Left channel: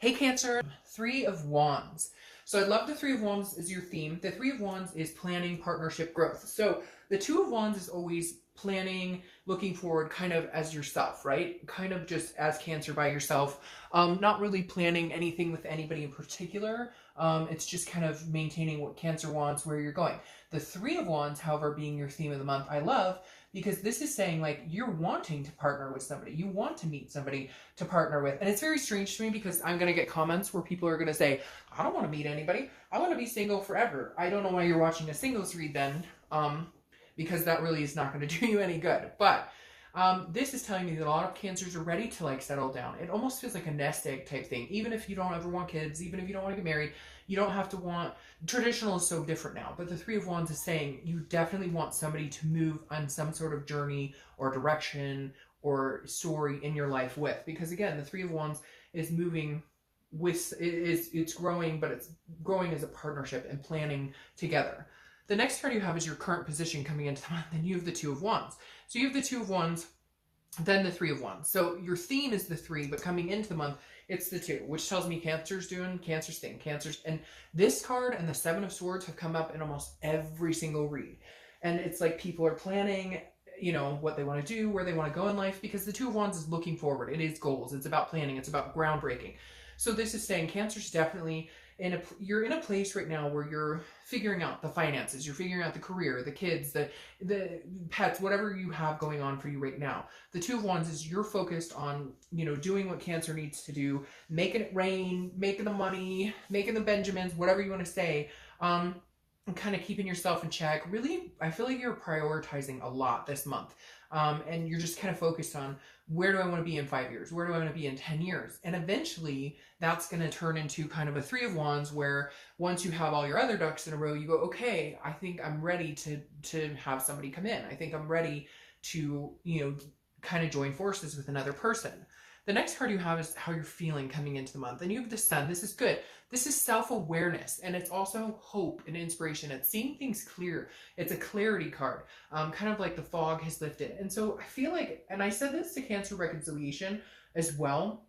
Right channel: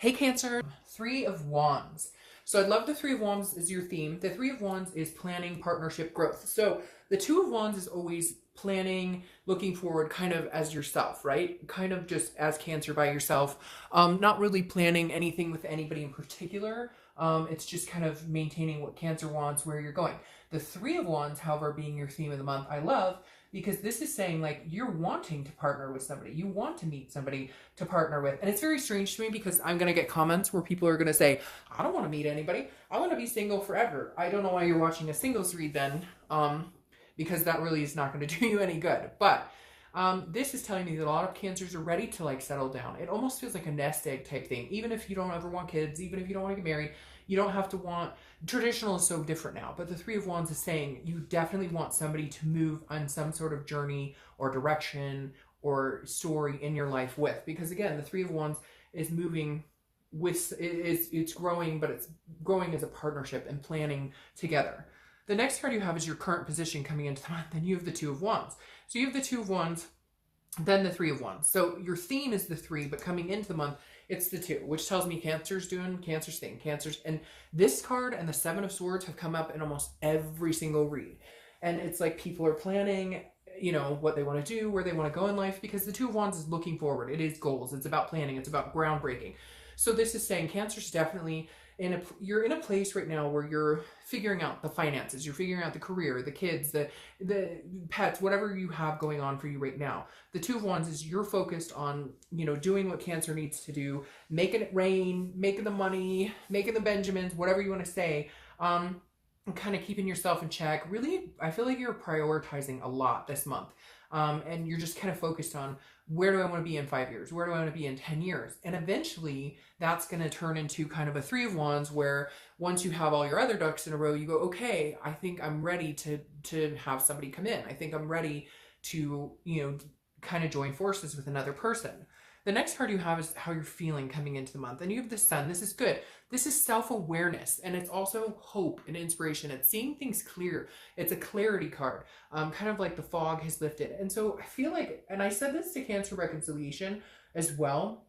Hey Cancer, Three of Wands. So I love the Three of Wands is your theme. The Three of Wands is planning, partnership, growth. So the Two of Wands is always planning, looking forward kind of as yourself, right? Kind of just as Cancer by yourself. Not really planning anything with anybody in particular. It's just kind of maintaining what Cancer wants, where you're going. The Three of Wands, however, being your theme of the month, I love, because this is saying like you're wanting to partner with somebody. You want to meet somebody to partner with. And it's very strange to me because I'm going to get comments where people are going to say, I don't want to meet anybody. I want to be single forever. I don't know why you're watching a singles read then, because that really is not going to do you any good. But this is telling me that a lot of Cancers are ready to like settle down. It almost feels like a nest egg type thing. Even if you don't ever want kids, even if you don't want to get married, you don't have to want, traditional is so different now, but the Three of Wands is saying you definitely want somebody to move on some sort of journey or direction or story in your life with. Because again, the Three of Wands is moving with, it's growing, but it's growing as a partnership and planning together. The next card you have is your current position coming into the month, and you have the Two of Wands. So you have the Two of Wands, then the Three of Wands. So your theme is the three, but coming into the month, it's the two, which tells me Cancer's doing Cancer's thing. Cancer's, and this card and the Seven of Swords have come up in almost every single read. And it's like people are planning, you know, what they want to do, where they want to go in life, because the Two of Wands is looking forward. It is goals. It's about planning. It's about groundbreaking. So this is saying Cancer's definitely you're in a place right now where you're figuring out the finances, you're figuring out the career, the kids, the pets, whatever you have going on for you right now. The Two of Wands is you're focused on, you know, doing what Cancer needs to do, making it rain, making the money, making the Benjamins, whatever you want to say, kind of keeping yourself in check. Really, I feel like you're prioritizing a lot this month. And you're just kind of focused on, where do I want to be in 5 years? Where do I want to be in 10 years? And eventually that's going to turn into kind of a Three of Wands, where once you have all your other ducks in a row, you go, okay, I think I'm ready to have somebody come in. I think I'm ready to, you know, kind of join forces with another person. The next card you have is how you're feeling coming into the month. And you have the Sun. This is good. This is self-awareness, and it's also hope and inspiration. It's seeing things clear. It's a clarity card, kind of like the fog has lifted. And so I feel like, and I said this to Cancer reconciliation as well,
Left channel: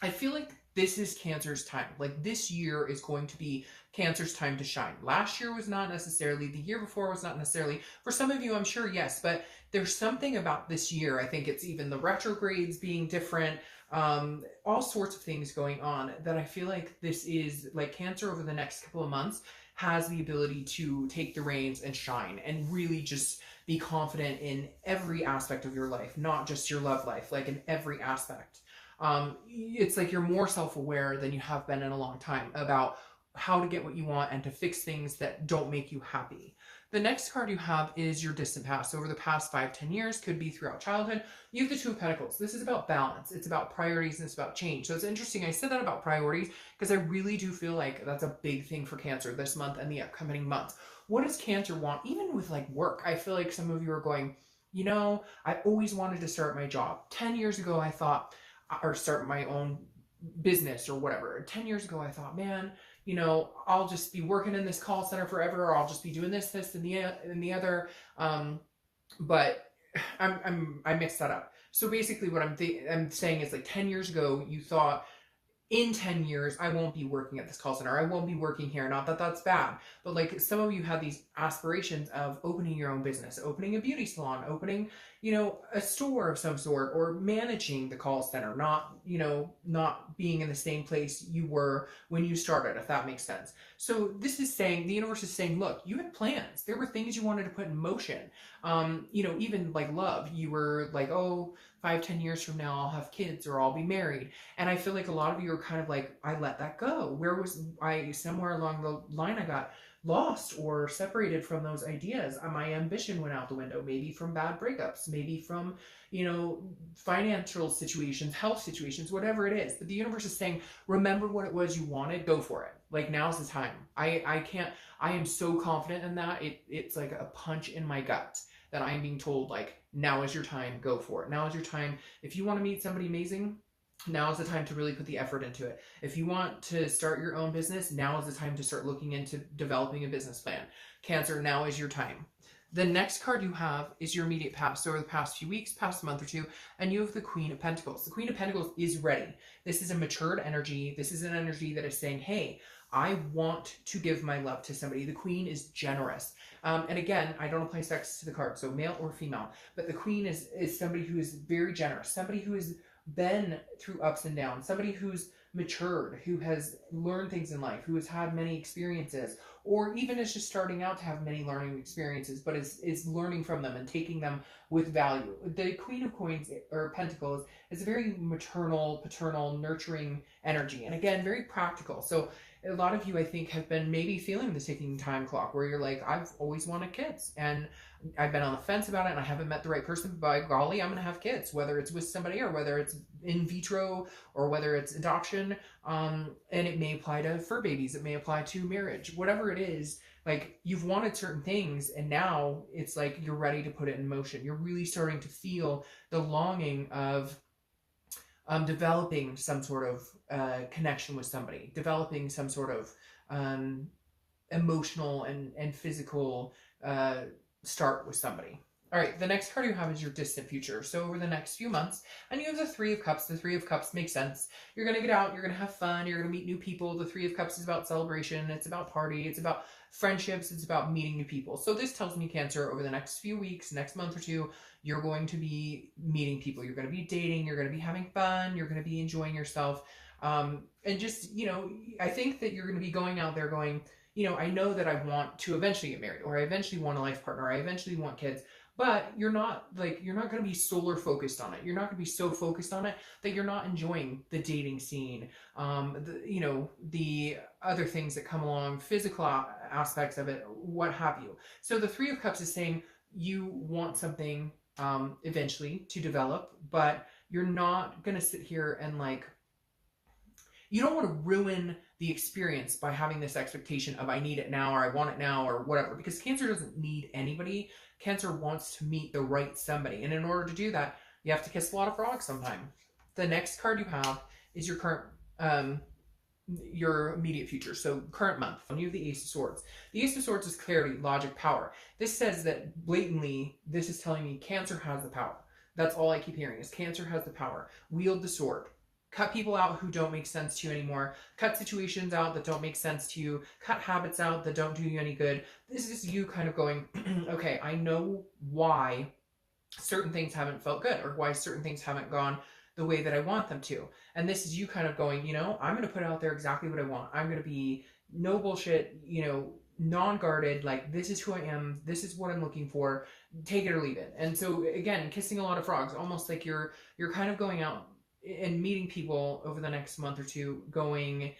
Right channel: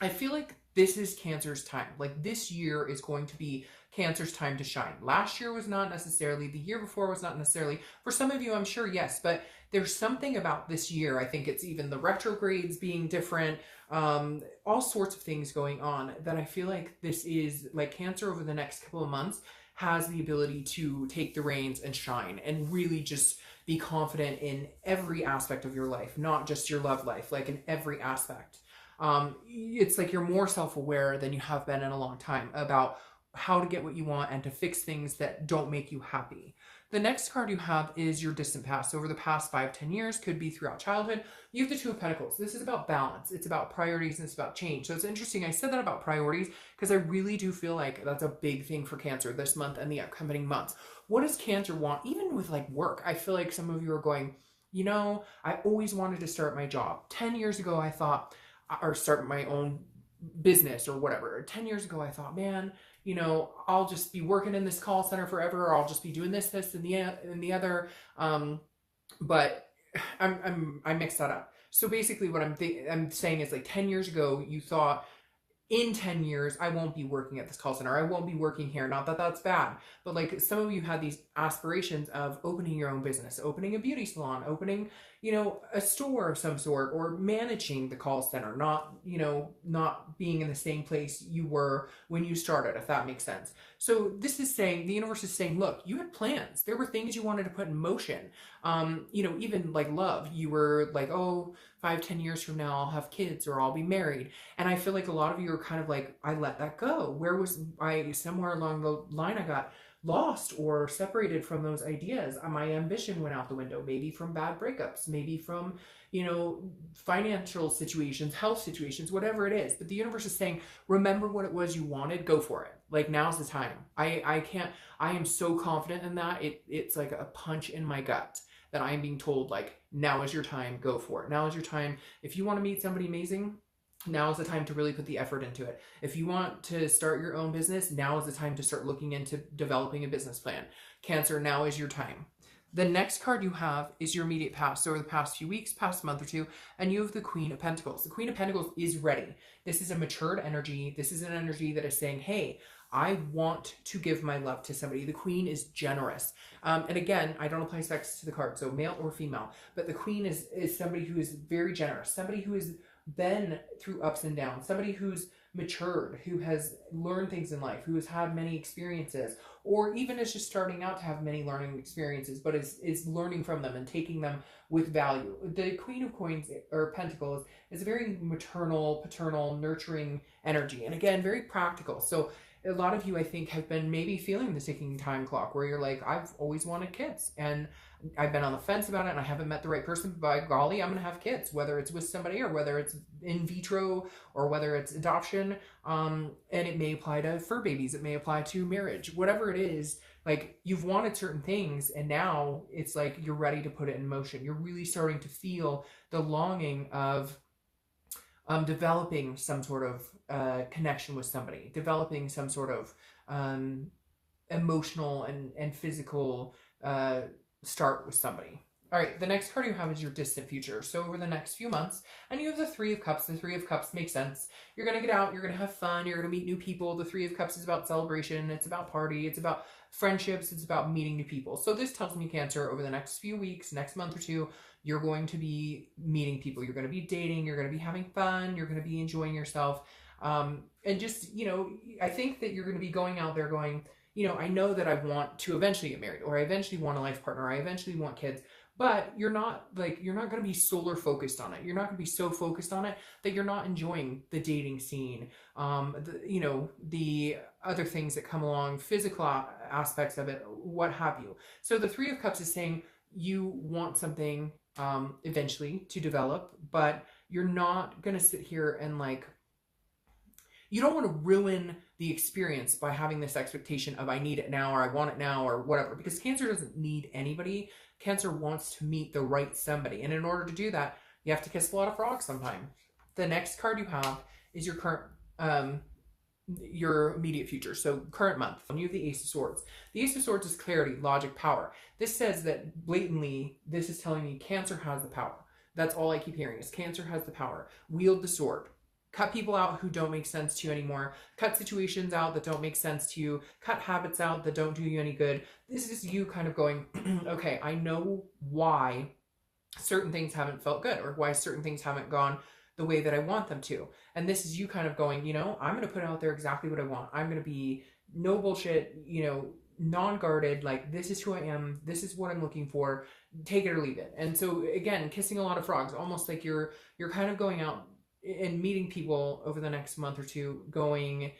I feel like this is Cancer's time. Like this year is going to be Cancer's time to shine. Last year was not necessarily, the year before was not necessarily. For some of you, I'm sure, yes, but there's something about this year. I think it's even the retrogrades being different, all sorts of things going on, that I feel like this is like Cancer over the next couple of months has the ability to take the reins and shine and really just be confident in every aspect of your life, not just your love life, like in every aspect. It's like you're more self-aware than you have been in a long time about how to get what you want and to fix things that don't make you happy. The next card you have is your distant past. Over the past 5-10 years, could be throughout childhood. You have the Two of Pentacles. This is about balance. It's about priorities, and it's about change. So it's interesting. I said that about priorities because I really do feel like that's a big thing for Cancer this month and the upcoming months. What does Cancer want? Even with like work, I feel like some of you are going, you know, I always wanted to start my job. 10 years ago, I thought, or start my own business or whatever. 10 years ago, I thought, man, you know, I'll just be working in this call center forever, or I'll just be doing this, and the other. But I mixed that up. So basically what I'm saying is like 10 years ago, you thought, in 10 years, I won't be working at this call center. I won't be working here. Not that that's bad, but like some of you had these aspirations of opening your own business, opening a beauty salon, opening, you know, a store of some sort, or managing the call center, not, you know, not being in the same place you were when you started, if that makes sense. So this is saying, the universe is saying, look, you had plans. There were things you wanted to put in motion. You know, even like love, you were like, oh, 5-10 years from now, I'll have kids or I'll be married. And I feel like a lot of you are kind of like, I let that go. Where was I? Somewhere along the line, I got lost or separated from those ideas. My ambition went out the window, maybe from bad breakups, maybe from, you know, financial situations, health situations, whatever it is. But the universe is saying, remember what it was you wanted, go for it. Like now's the time. I am so confident in that. It's like a punch in my gut that I am being told, like, now is your time, go for it. Now is your time. If you want to meet somebody amazing, now is the time to really put the effort into it. If you want to start your own business, now is the time to start looking into developing a business plan. Cancer, now is your time. The next card you have is your immediate past, so over the past few weeks, past month or two, and you have the Queen of Pentacles. The Queen of Pentacles is ready. This is a matured energy. This is an energy that is saying, hey, I want to give my love to somebody. The Queen is generous. And again, I don't apply sex to the card, so male or female, but the Queen is somebody who is very generous, somebody who has been through ups and downs, somebody who's matured, who has learned things in life, who has had many experiences, or even is just starting out to have many learning experiences, but is learning from them and taking them with value. The Queen of Coins or Pentacles is a very maternal, paternal, nurturing energy, and again, very practical. So a lot of you, I think, have been maybe feeling the ticking time clock where you're like, I've always wanted kids and I've been on the fence about it and I haven't met the right person. By golly, I'm going to have kids, whether it's with somebody or whether it's in vitro or whether it's adoption. And it may apply to fur babies. It may apply to marriage, whatever it is. Like, you've wanted certain things and now it's like you're ready to put it in motion. You're really starting to feel the longing of developing some sort of connection with somebody, developing some sort of emotional and physical start with somebody. All right, the next card you have is your distant future. So over the next few months, and you have the Three of Cups. The Three of Cups makes sense. You're going to get out, you're going to have fun, you're going to meet new people. The Three of Cups is about celebration, it's about party, it's about friendships, it's about meeting new people. So this tells me, Cancer, over the next few weeks, next month or two, you're going to be meeting people. You're going to be dating, you're going to be having fun, you're going to be enjoying yourself. And just, you know, I think that you're going to be going out there going, you know, I know that I want to eventually get married, or I eventually want a life partner, or I eventually want kids. But you're not going to be solar focused on it. You're not going to be so focused on it that you're not enjoying the dating scene, you know, the other things that come along, physical aspects of it, what have you. So the Three of Cups is saying you want something eventually to develop, but you're not going to sit here and like, you don't want to ruin the experience by having this expectation of I need it now, or I want it now, or whatever, because Cancer doesn't need anybody. Cancer wants to meet the right somebody. And in order to do that, you have to kiss a lot of frogs sometime. The next card you have is your current, your immediate future. So current month. You have the Ace of Swords. The Ace of Swords is clarity, logic, power. This says that blatantly, this is telling me Cancer has the power. That's all I keep hearing is Cancer has the power. Wield the sword. Cut people out who don't make sense to you anymore. Cut situations out that don't make sense to you. Cut habits out that don't do you any good. This is you kind of going, okay, I know why certain things haven't felt good, or why certain things haven't gone the way that I want them to. And this is you kind of going, you know, I'm going to put out there exactly what I want. I'm going to be no bullshit, you know, non-guarded, like this is who I am. This is what I'm looking for. Take it or leave it. And so again, kissing a lot of frogs, almost like you're kind of going out and meeting people over the next month or two going,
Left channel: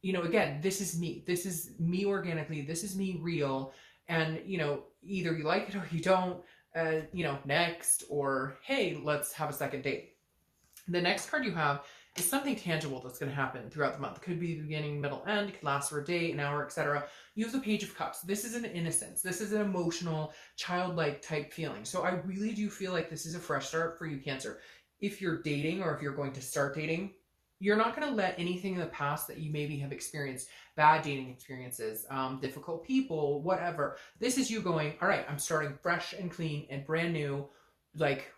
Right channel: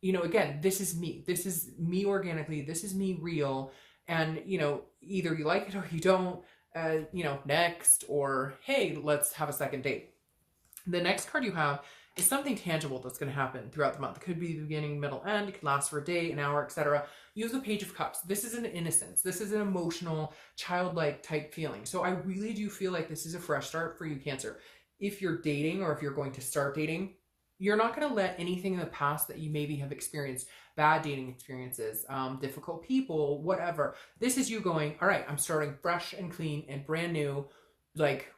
you know, again, this is me organically, this is me real. And, you know, either you like it or you don't, you know, next, or, hey, let's have a second date. The next card you have is something tangible that's going to happen throughout the month. It could be the beginning, middle, end. It could last for a day, an hour, etc. You have the Page of Cups. This is an innocence. This is an emotional, childlike type feeling. So I really do feel like this is a fresh start for you, Cancer. If you're dating, or if you're going to start dating, you're not going to let anything in the past that you maybe have experienced, bad dating experiences, difficult people, whatever. This is you going, all right, I'm starting fresh and clean and brand new. Like,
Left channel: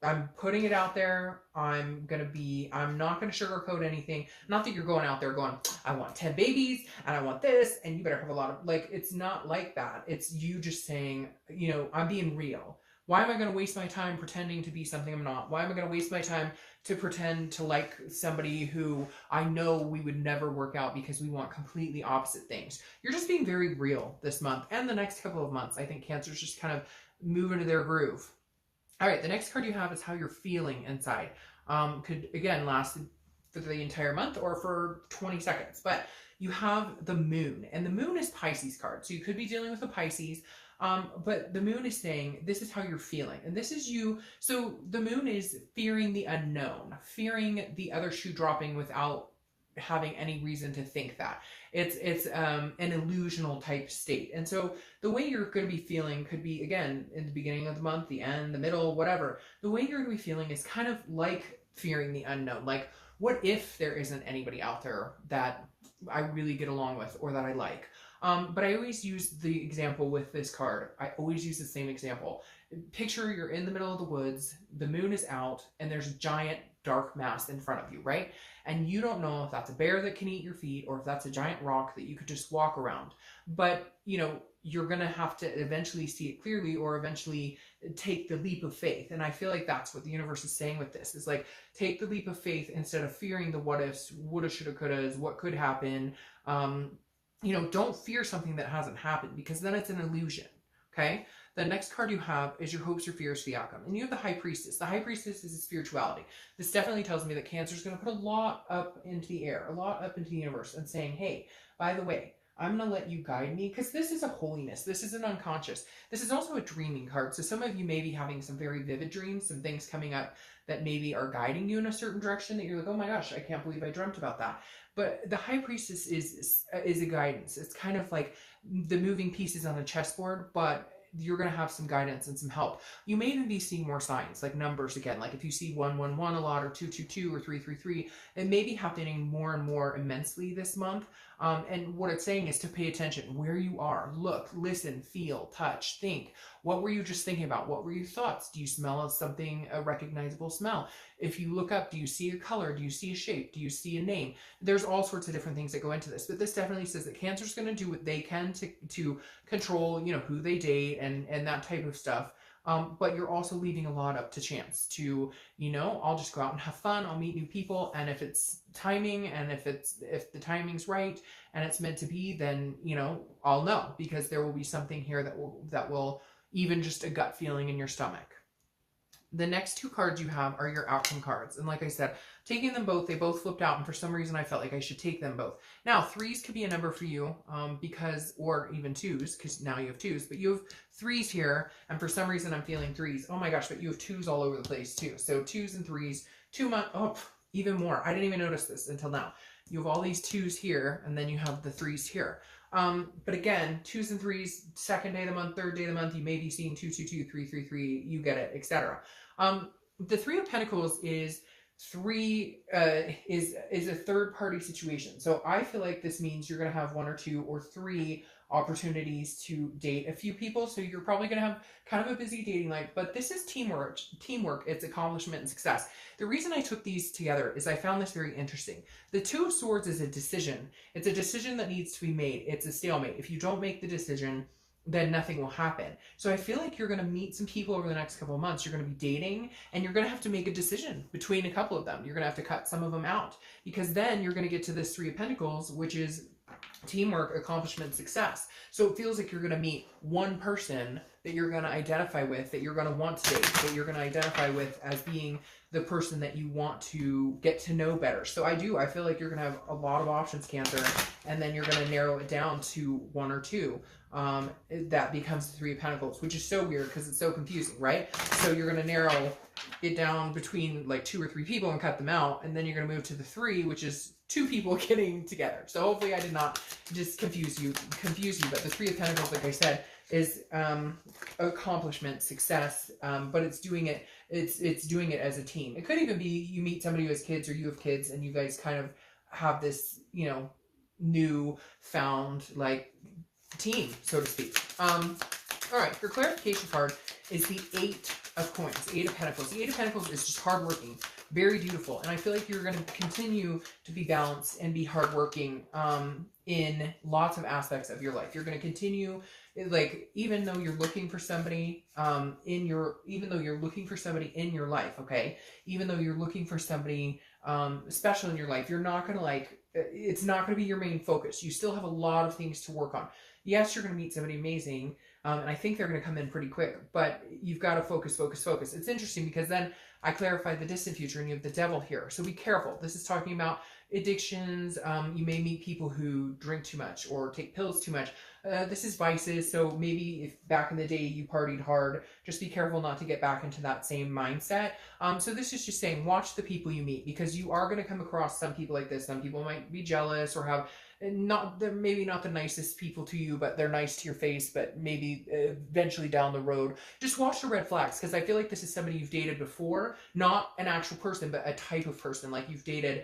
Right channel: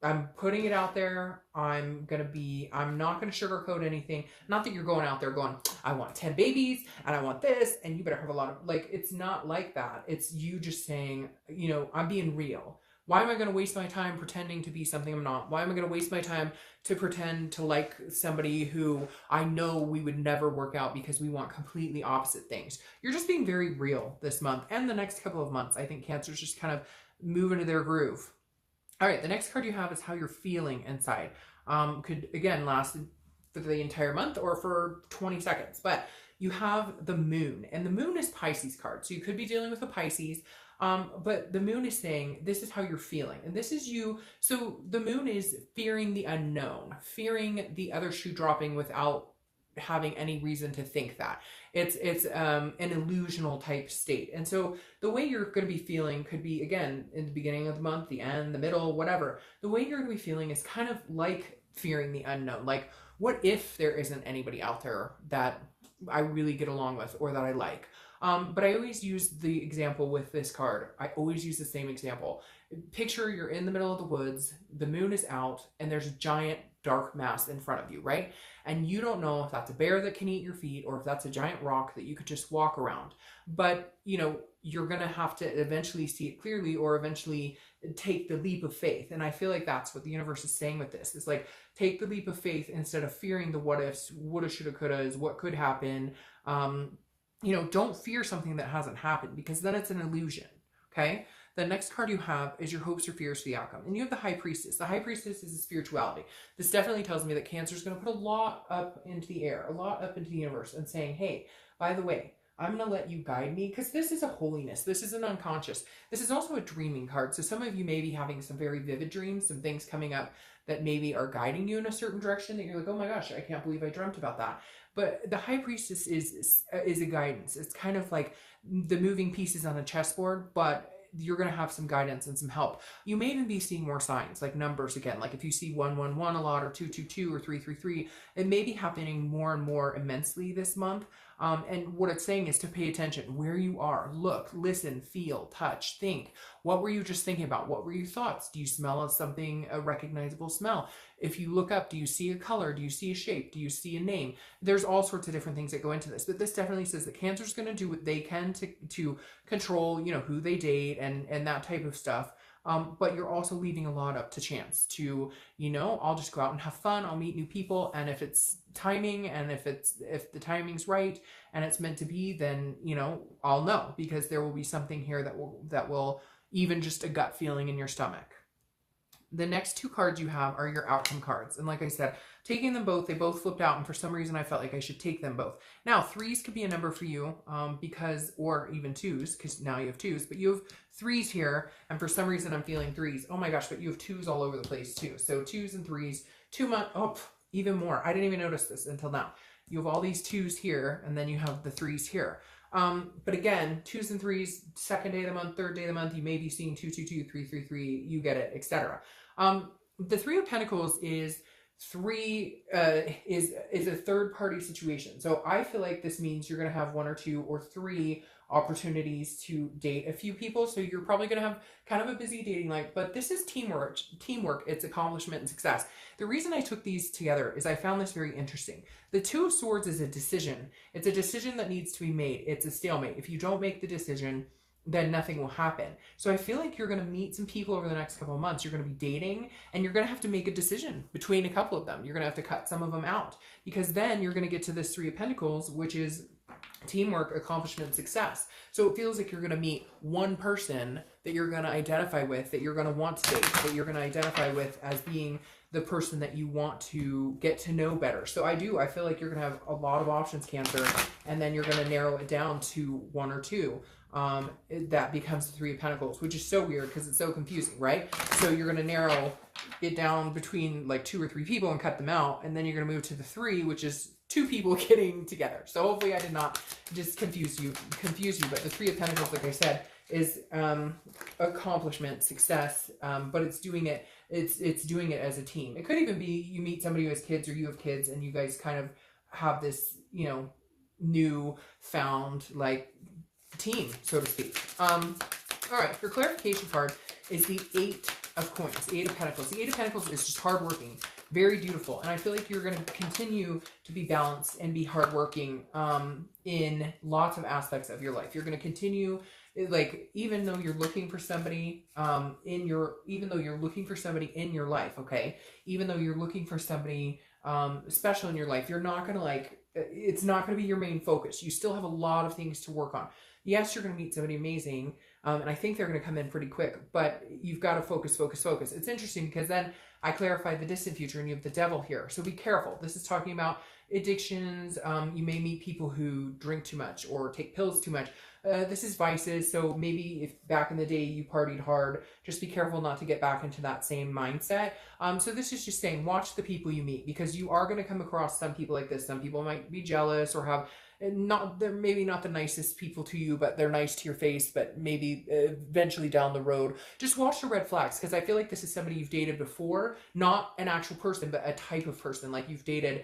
I'm putting it out there. I'm not going to sugarcoat anything. Not that you're going out there going, I want 10 babies and I want this and you better have a lot of, like, it's not like that. It's you just saying, you know, I'm being real. Why am I going to waste my time pretending to be something I'm not? Why am I going to waste my time to pretend to like somebody who I know we would never work out because we want completely opposite things? You're just being very real this month and the next couple of months. I think Cancer's just kind of moving to their groove. All right, the next card you have is how you're feeling inside. Could, again, last for the entire month or for 20 seconds. But you have the Moon, and the Moon is Pisces card. So you could be dealing with a Pisces. But the Moon is saying, this is how you're feeling. And this is you. So the Moon is fearing the unknown, fearing the other shoe dropping without having any reason to think that. It's an illusional type state. And so the way you're going to be feeling could be, again, in the beginning of the month, the end, the middle, whatever. The way you're going to be feeling is kind of like fearing the unknown. Like, what if there isn't anybody out there that I really get along with or that I like? But I always use the example with this card. I always use the same example. Picture you're in the middle of the woods, the moon is out, and there's a giant dark mass in front of you, right? And you don't know if that's a bear that can eat your feet or if that's a giant rock that you could just walk around. But, you know, you're going to have to eventually see it clearly or eventually take the leap of faith. And I feel like that's what the universe is saying with this, is like, take the leap of faith instead of fearing the what ifs, woulda, shoulda, couldas, what could happen. You know, don't fear something that hasn't happened, because then it's an illusion. Okay. The next card you have is your hopes or fears for the outcome. And you have the High Priestess. The High Priestess is a spirituality. This definitely tells me that Cancer is going to put a lot up into the air, a lot up into the universe, and saying, hey, by the way, I'm going to let you guide me, because this is a holiness. This is an unconscious. This is also a dreaming card. So some of you may be having some very vivid dreams and things coming up that maybe are guiding you in a certain direction that you're like, oh my gosh, I can't believe I dreamt about that. But the High Priestess is a guidance. It's kind of like the moving pieces on a chessboard, but you're going to have some guidance and some help. You may even be seeing more signs, like numbers again. Like if you see 111 a lot, or 222 or 333, it may be happening more and more immensely this month. And what it's saying is to pay attention where you are. Look, listen, feel, touch, think. What were you just thinking about? What were your thoughts? Do you smell something, a recognizable smell? If you look up, do you see a color? Do you see a shape? Do you see a name? There's all sorts of different things that go into this, but this definitely says that Cancer's going to do what they can to control, you know, who they date and that type of stuff. But you're also leaving a lot up to chance to, you know, I'll just go out and have fun. I'll meet new people. And if it's timing, and if the timing's right and it's meant to be, then, you know, I'll know, because there will be something here that will even just a gut feeling in your stomach. The next two cards you have are your outcome cards. And like I said, taking them both, they both flipped out. And for some reason, I felt like I should take them both. Now, threes could be a number for you because, or even twos, because now you have twos, but you have threes here. And for some reason, I'm feeling threes. Oh my gosh, but you have twos all over the place too. So twos and threes, 2 months, oh, even more. I didn't even notice this until now. You have all these twos here, and then you have the threes here. But again, twos and threes, second day of the month, third day of the month, you may be seeing 222, 333, you get it, etc. The Three of Pentacles is is a third party situation. So I feel like this means you're going to have 1 or 2 or 3 opportunities to date a few people. So you're probably going to have kind of a busy dating life, but this is teamwork, it's accomplishment and success. The reason I took these together is I found this very interesting. The Two of Swords is a decision. It's a decision that needs to be made. It's a stalemate. If you don't make the decision, then nothing will happen. So I feel like you're going to meet some people over the next couple of months. You're going to be dating, and you're going to have to make a decision between a couple of them. You're going to have to cut some of them out, because then you're going to get to this Three of Pentacles, which is teamwork, accomplishment, success. So it feels like you're going to meet one person that you're going to identify with, that you're going to want to date, that you're going to identify with as being the person that you want to get to know better. So I feel like you're going to have a lot of options, Cancer, and then you're going to narrow it down to 1 or 2. That becomes the Three of Pentacles, which is so weird because it's so confusing, right? So you're going to narrow it down between like 2 or 3 people and cut them out, and then you're going to move to the 3, which is 2 people getting together. So hopefully I did not just confuse you, but the Three of Pentacles, like I said, is accomplishment, success, but it's doing it as a team. It could even be you meet somebody who has kids, or you have kids, and you guys kind of have this, you know, new found like team, so to speak. All right, your clarification card is the 8 of Coins, 8 of Pentacles. The 8 of Pentacles is just hardworking, very dutiful, and I feel like you're going to continue to be balanced and be hardworking in lots of aspects of your life. You're going to continue, like, even though you're looking for somebody in your life, okay, even though you're looking for somebody special in your life, you're not going to it's not going to be your main focus. You still have a lot of things to work on. Yes, you're going to meet somebody amazing, and I think they're going to come in pretty quick, but you've got to focus. It's interesting because then I clarified the distant future, and you have the Devil here. So be careful. This is talking about addictions. You may meet people who drink too much or take pills too much. This is vices. So maybe if back in the day you partied hard, just be careful not to get back into that same mindset. So this is just saying, watch the people you meet, because you are going to come across some people like this. Some people might be jealous or have they're maybe not the nicest people to you, but they're nice to your face, but maybe eventually down the road. Just watch the red flags, because I feel like this is somebody you've dated before, not an actual person, but a type of person. Like you've dated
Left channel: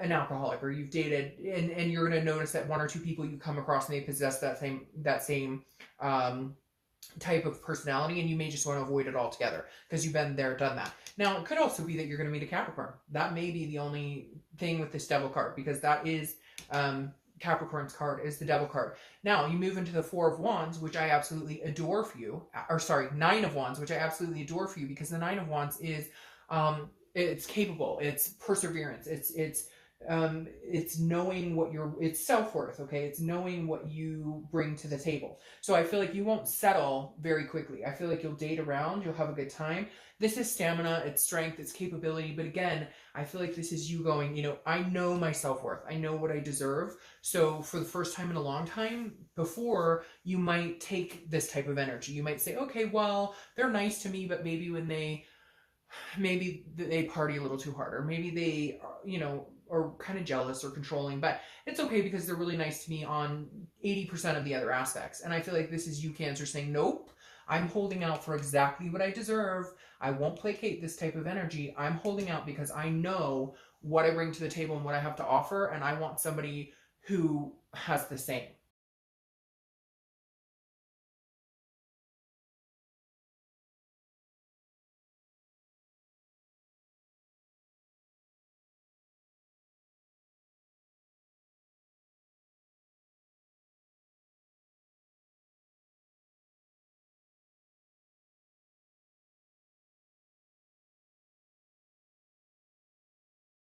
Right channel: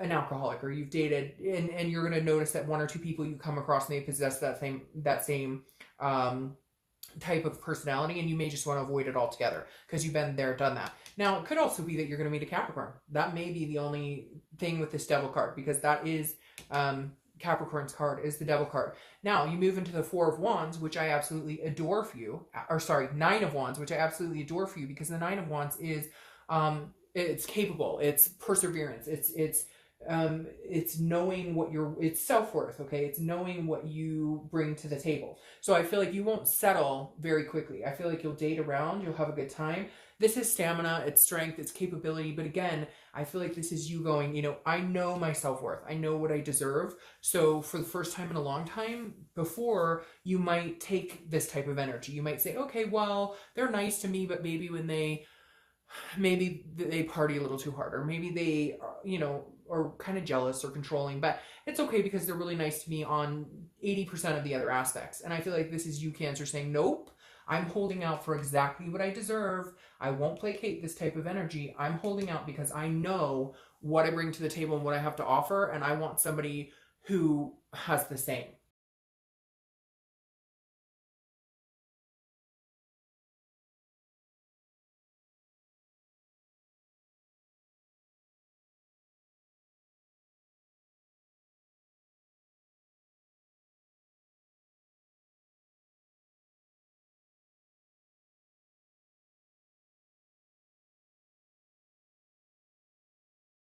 an alcoholic, or you've dated, and you're going to notice that one or two people you come across may possess that same type of personality, and you may just want to avoid it altogether because you've been there, done that. Now, it could also be that you're going to meet a Capricorn. That may be the only thing with this Devil card, because that is Capricorn's card is the Devil card. Now, you move into the Four of Wands, which I absolutely adore for you. Or sorry, Nine of Wands, which I absolutely adore for you, because the Nine of Wands is it's capable, it's perseverance, it's knowing what it's self-worth, okay? It's knowing what you bring to the table. So I feel like you won't settle very quickly. I feel like you'll date around, you'll have a good time. This is stamina, it's strength, it's capability. But again, I feel like this is you going, you know, I know my self-worth. I know what I deserve. So for the first time in a long time, before, you might take this type of energy. You might say, okay, well, they're nice to me, but maybe when maybe they party a little too hard, or maybe they, you know, are kind of jealous or controlling, but it's okay because they're really nice to me on 80% of the other aspects. And I feel like this is you, Cancer, saying, nope, I'm holding out for exactly what I deserve. I won't placate this type of energy. I'm holding out because I know what I bring to the table and what I have to offer, and I want somebody who has the same.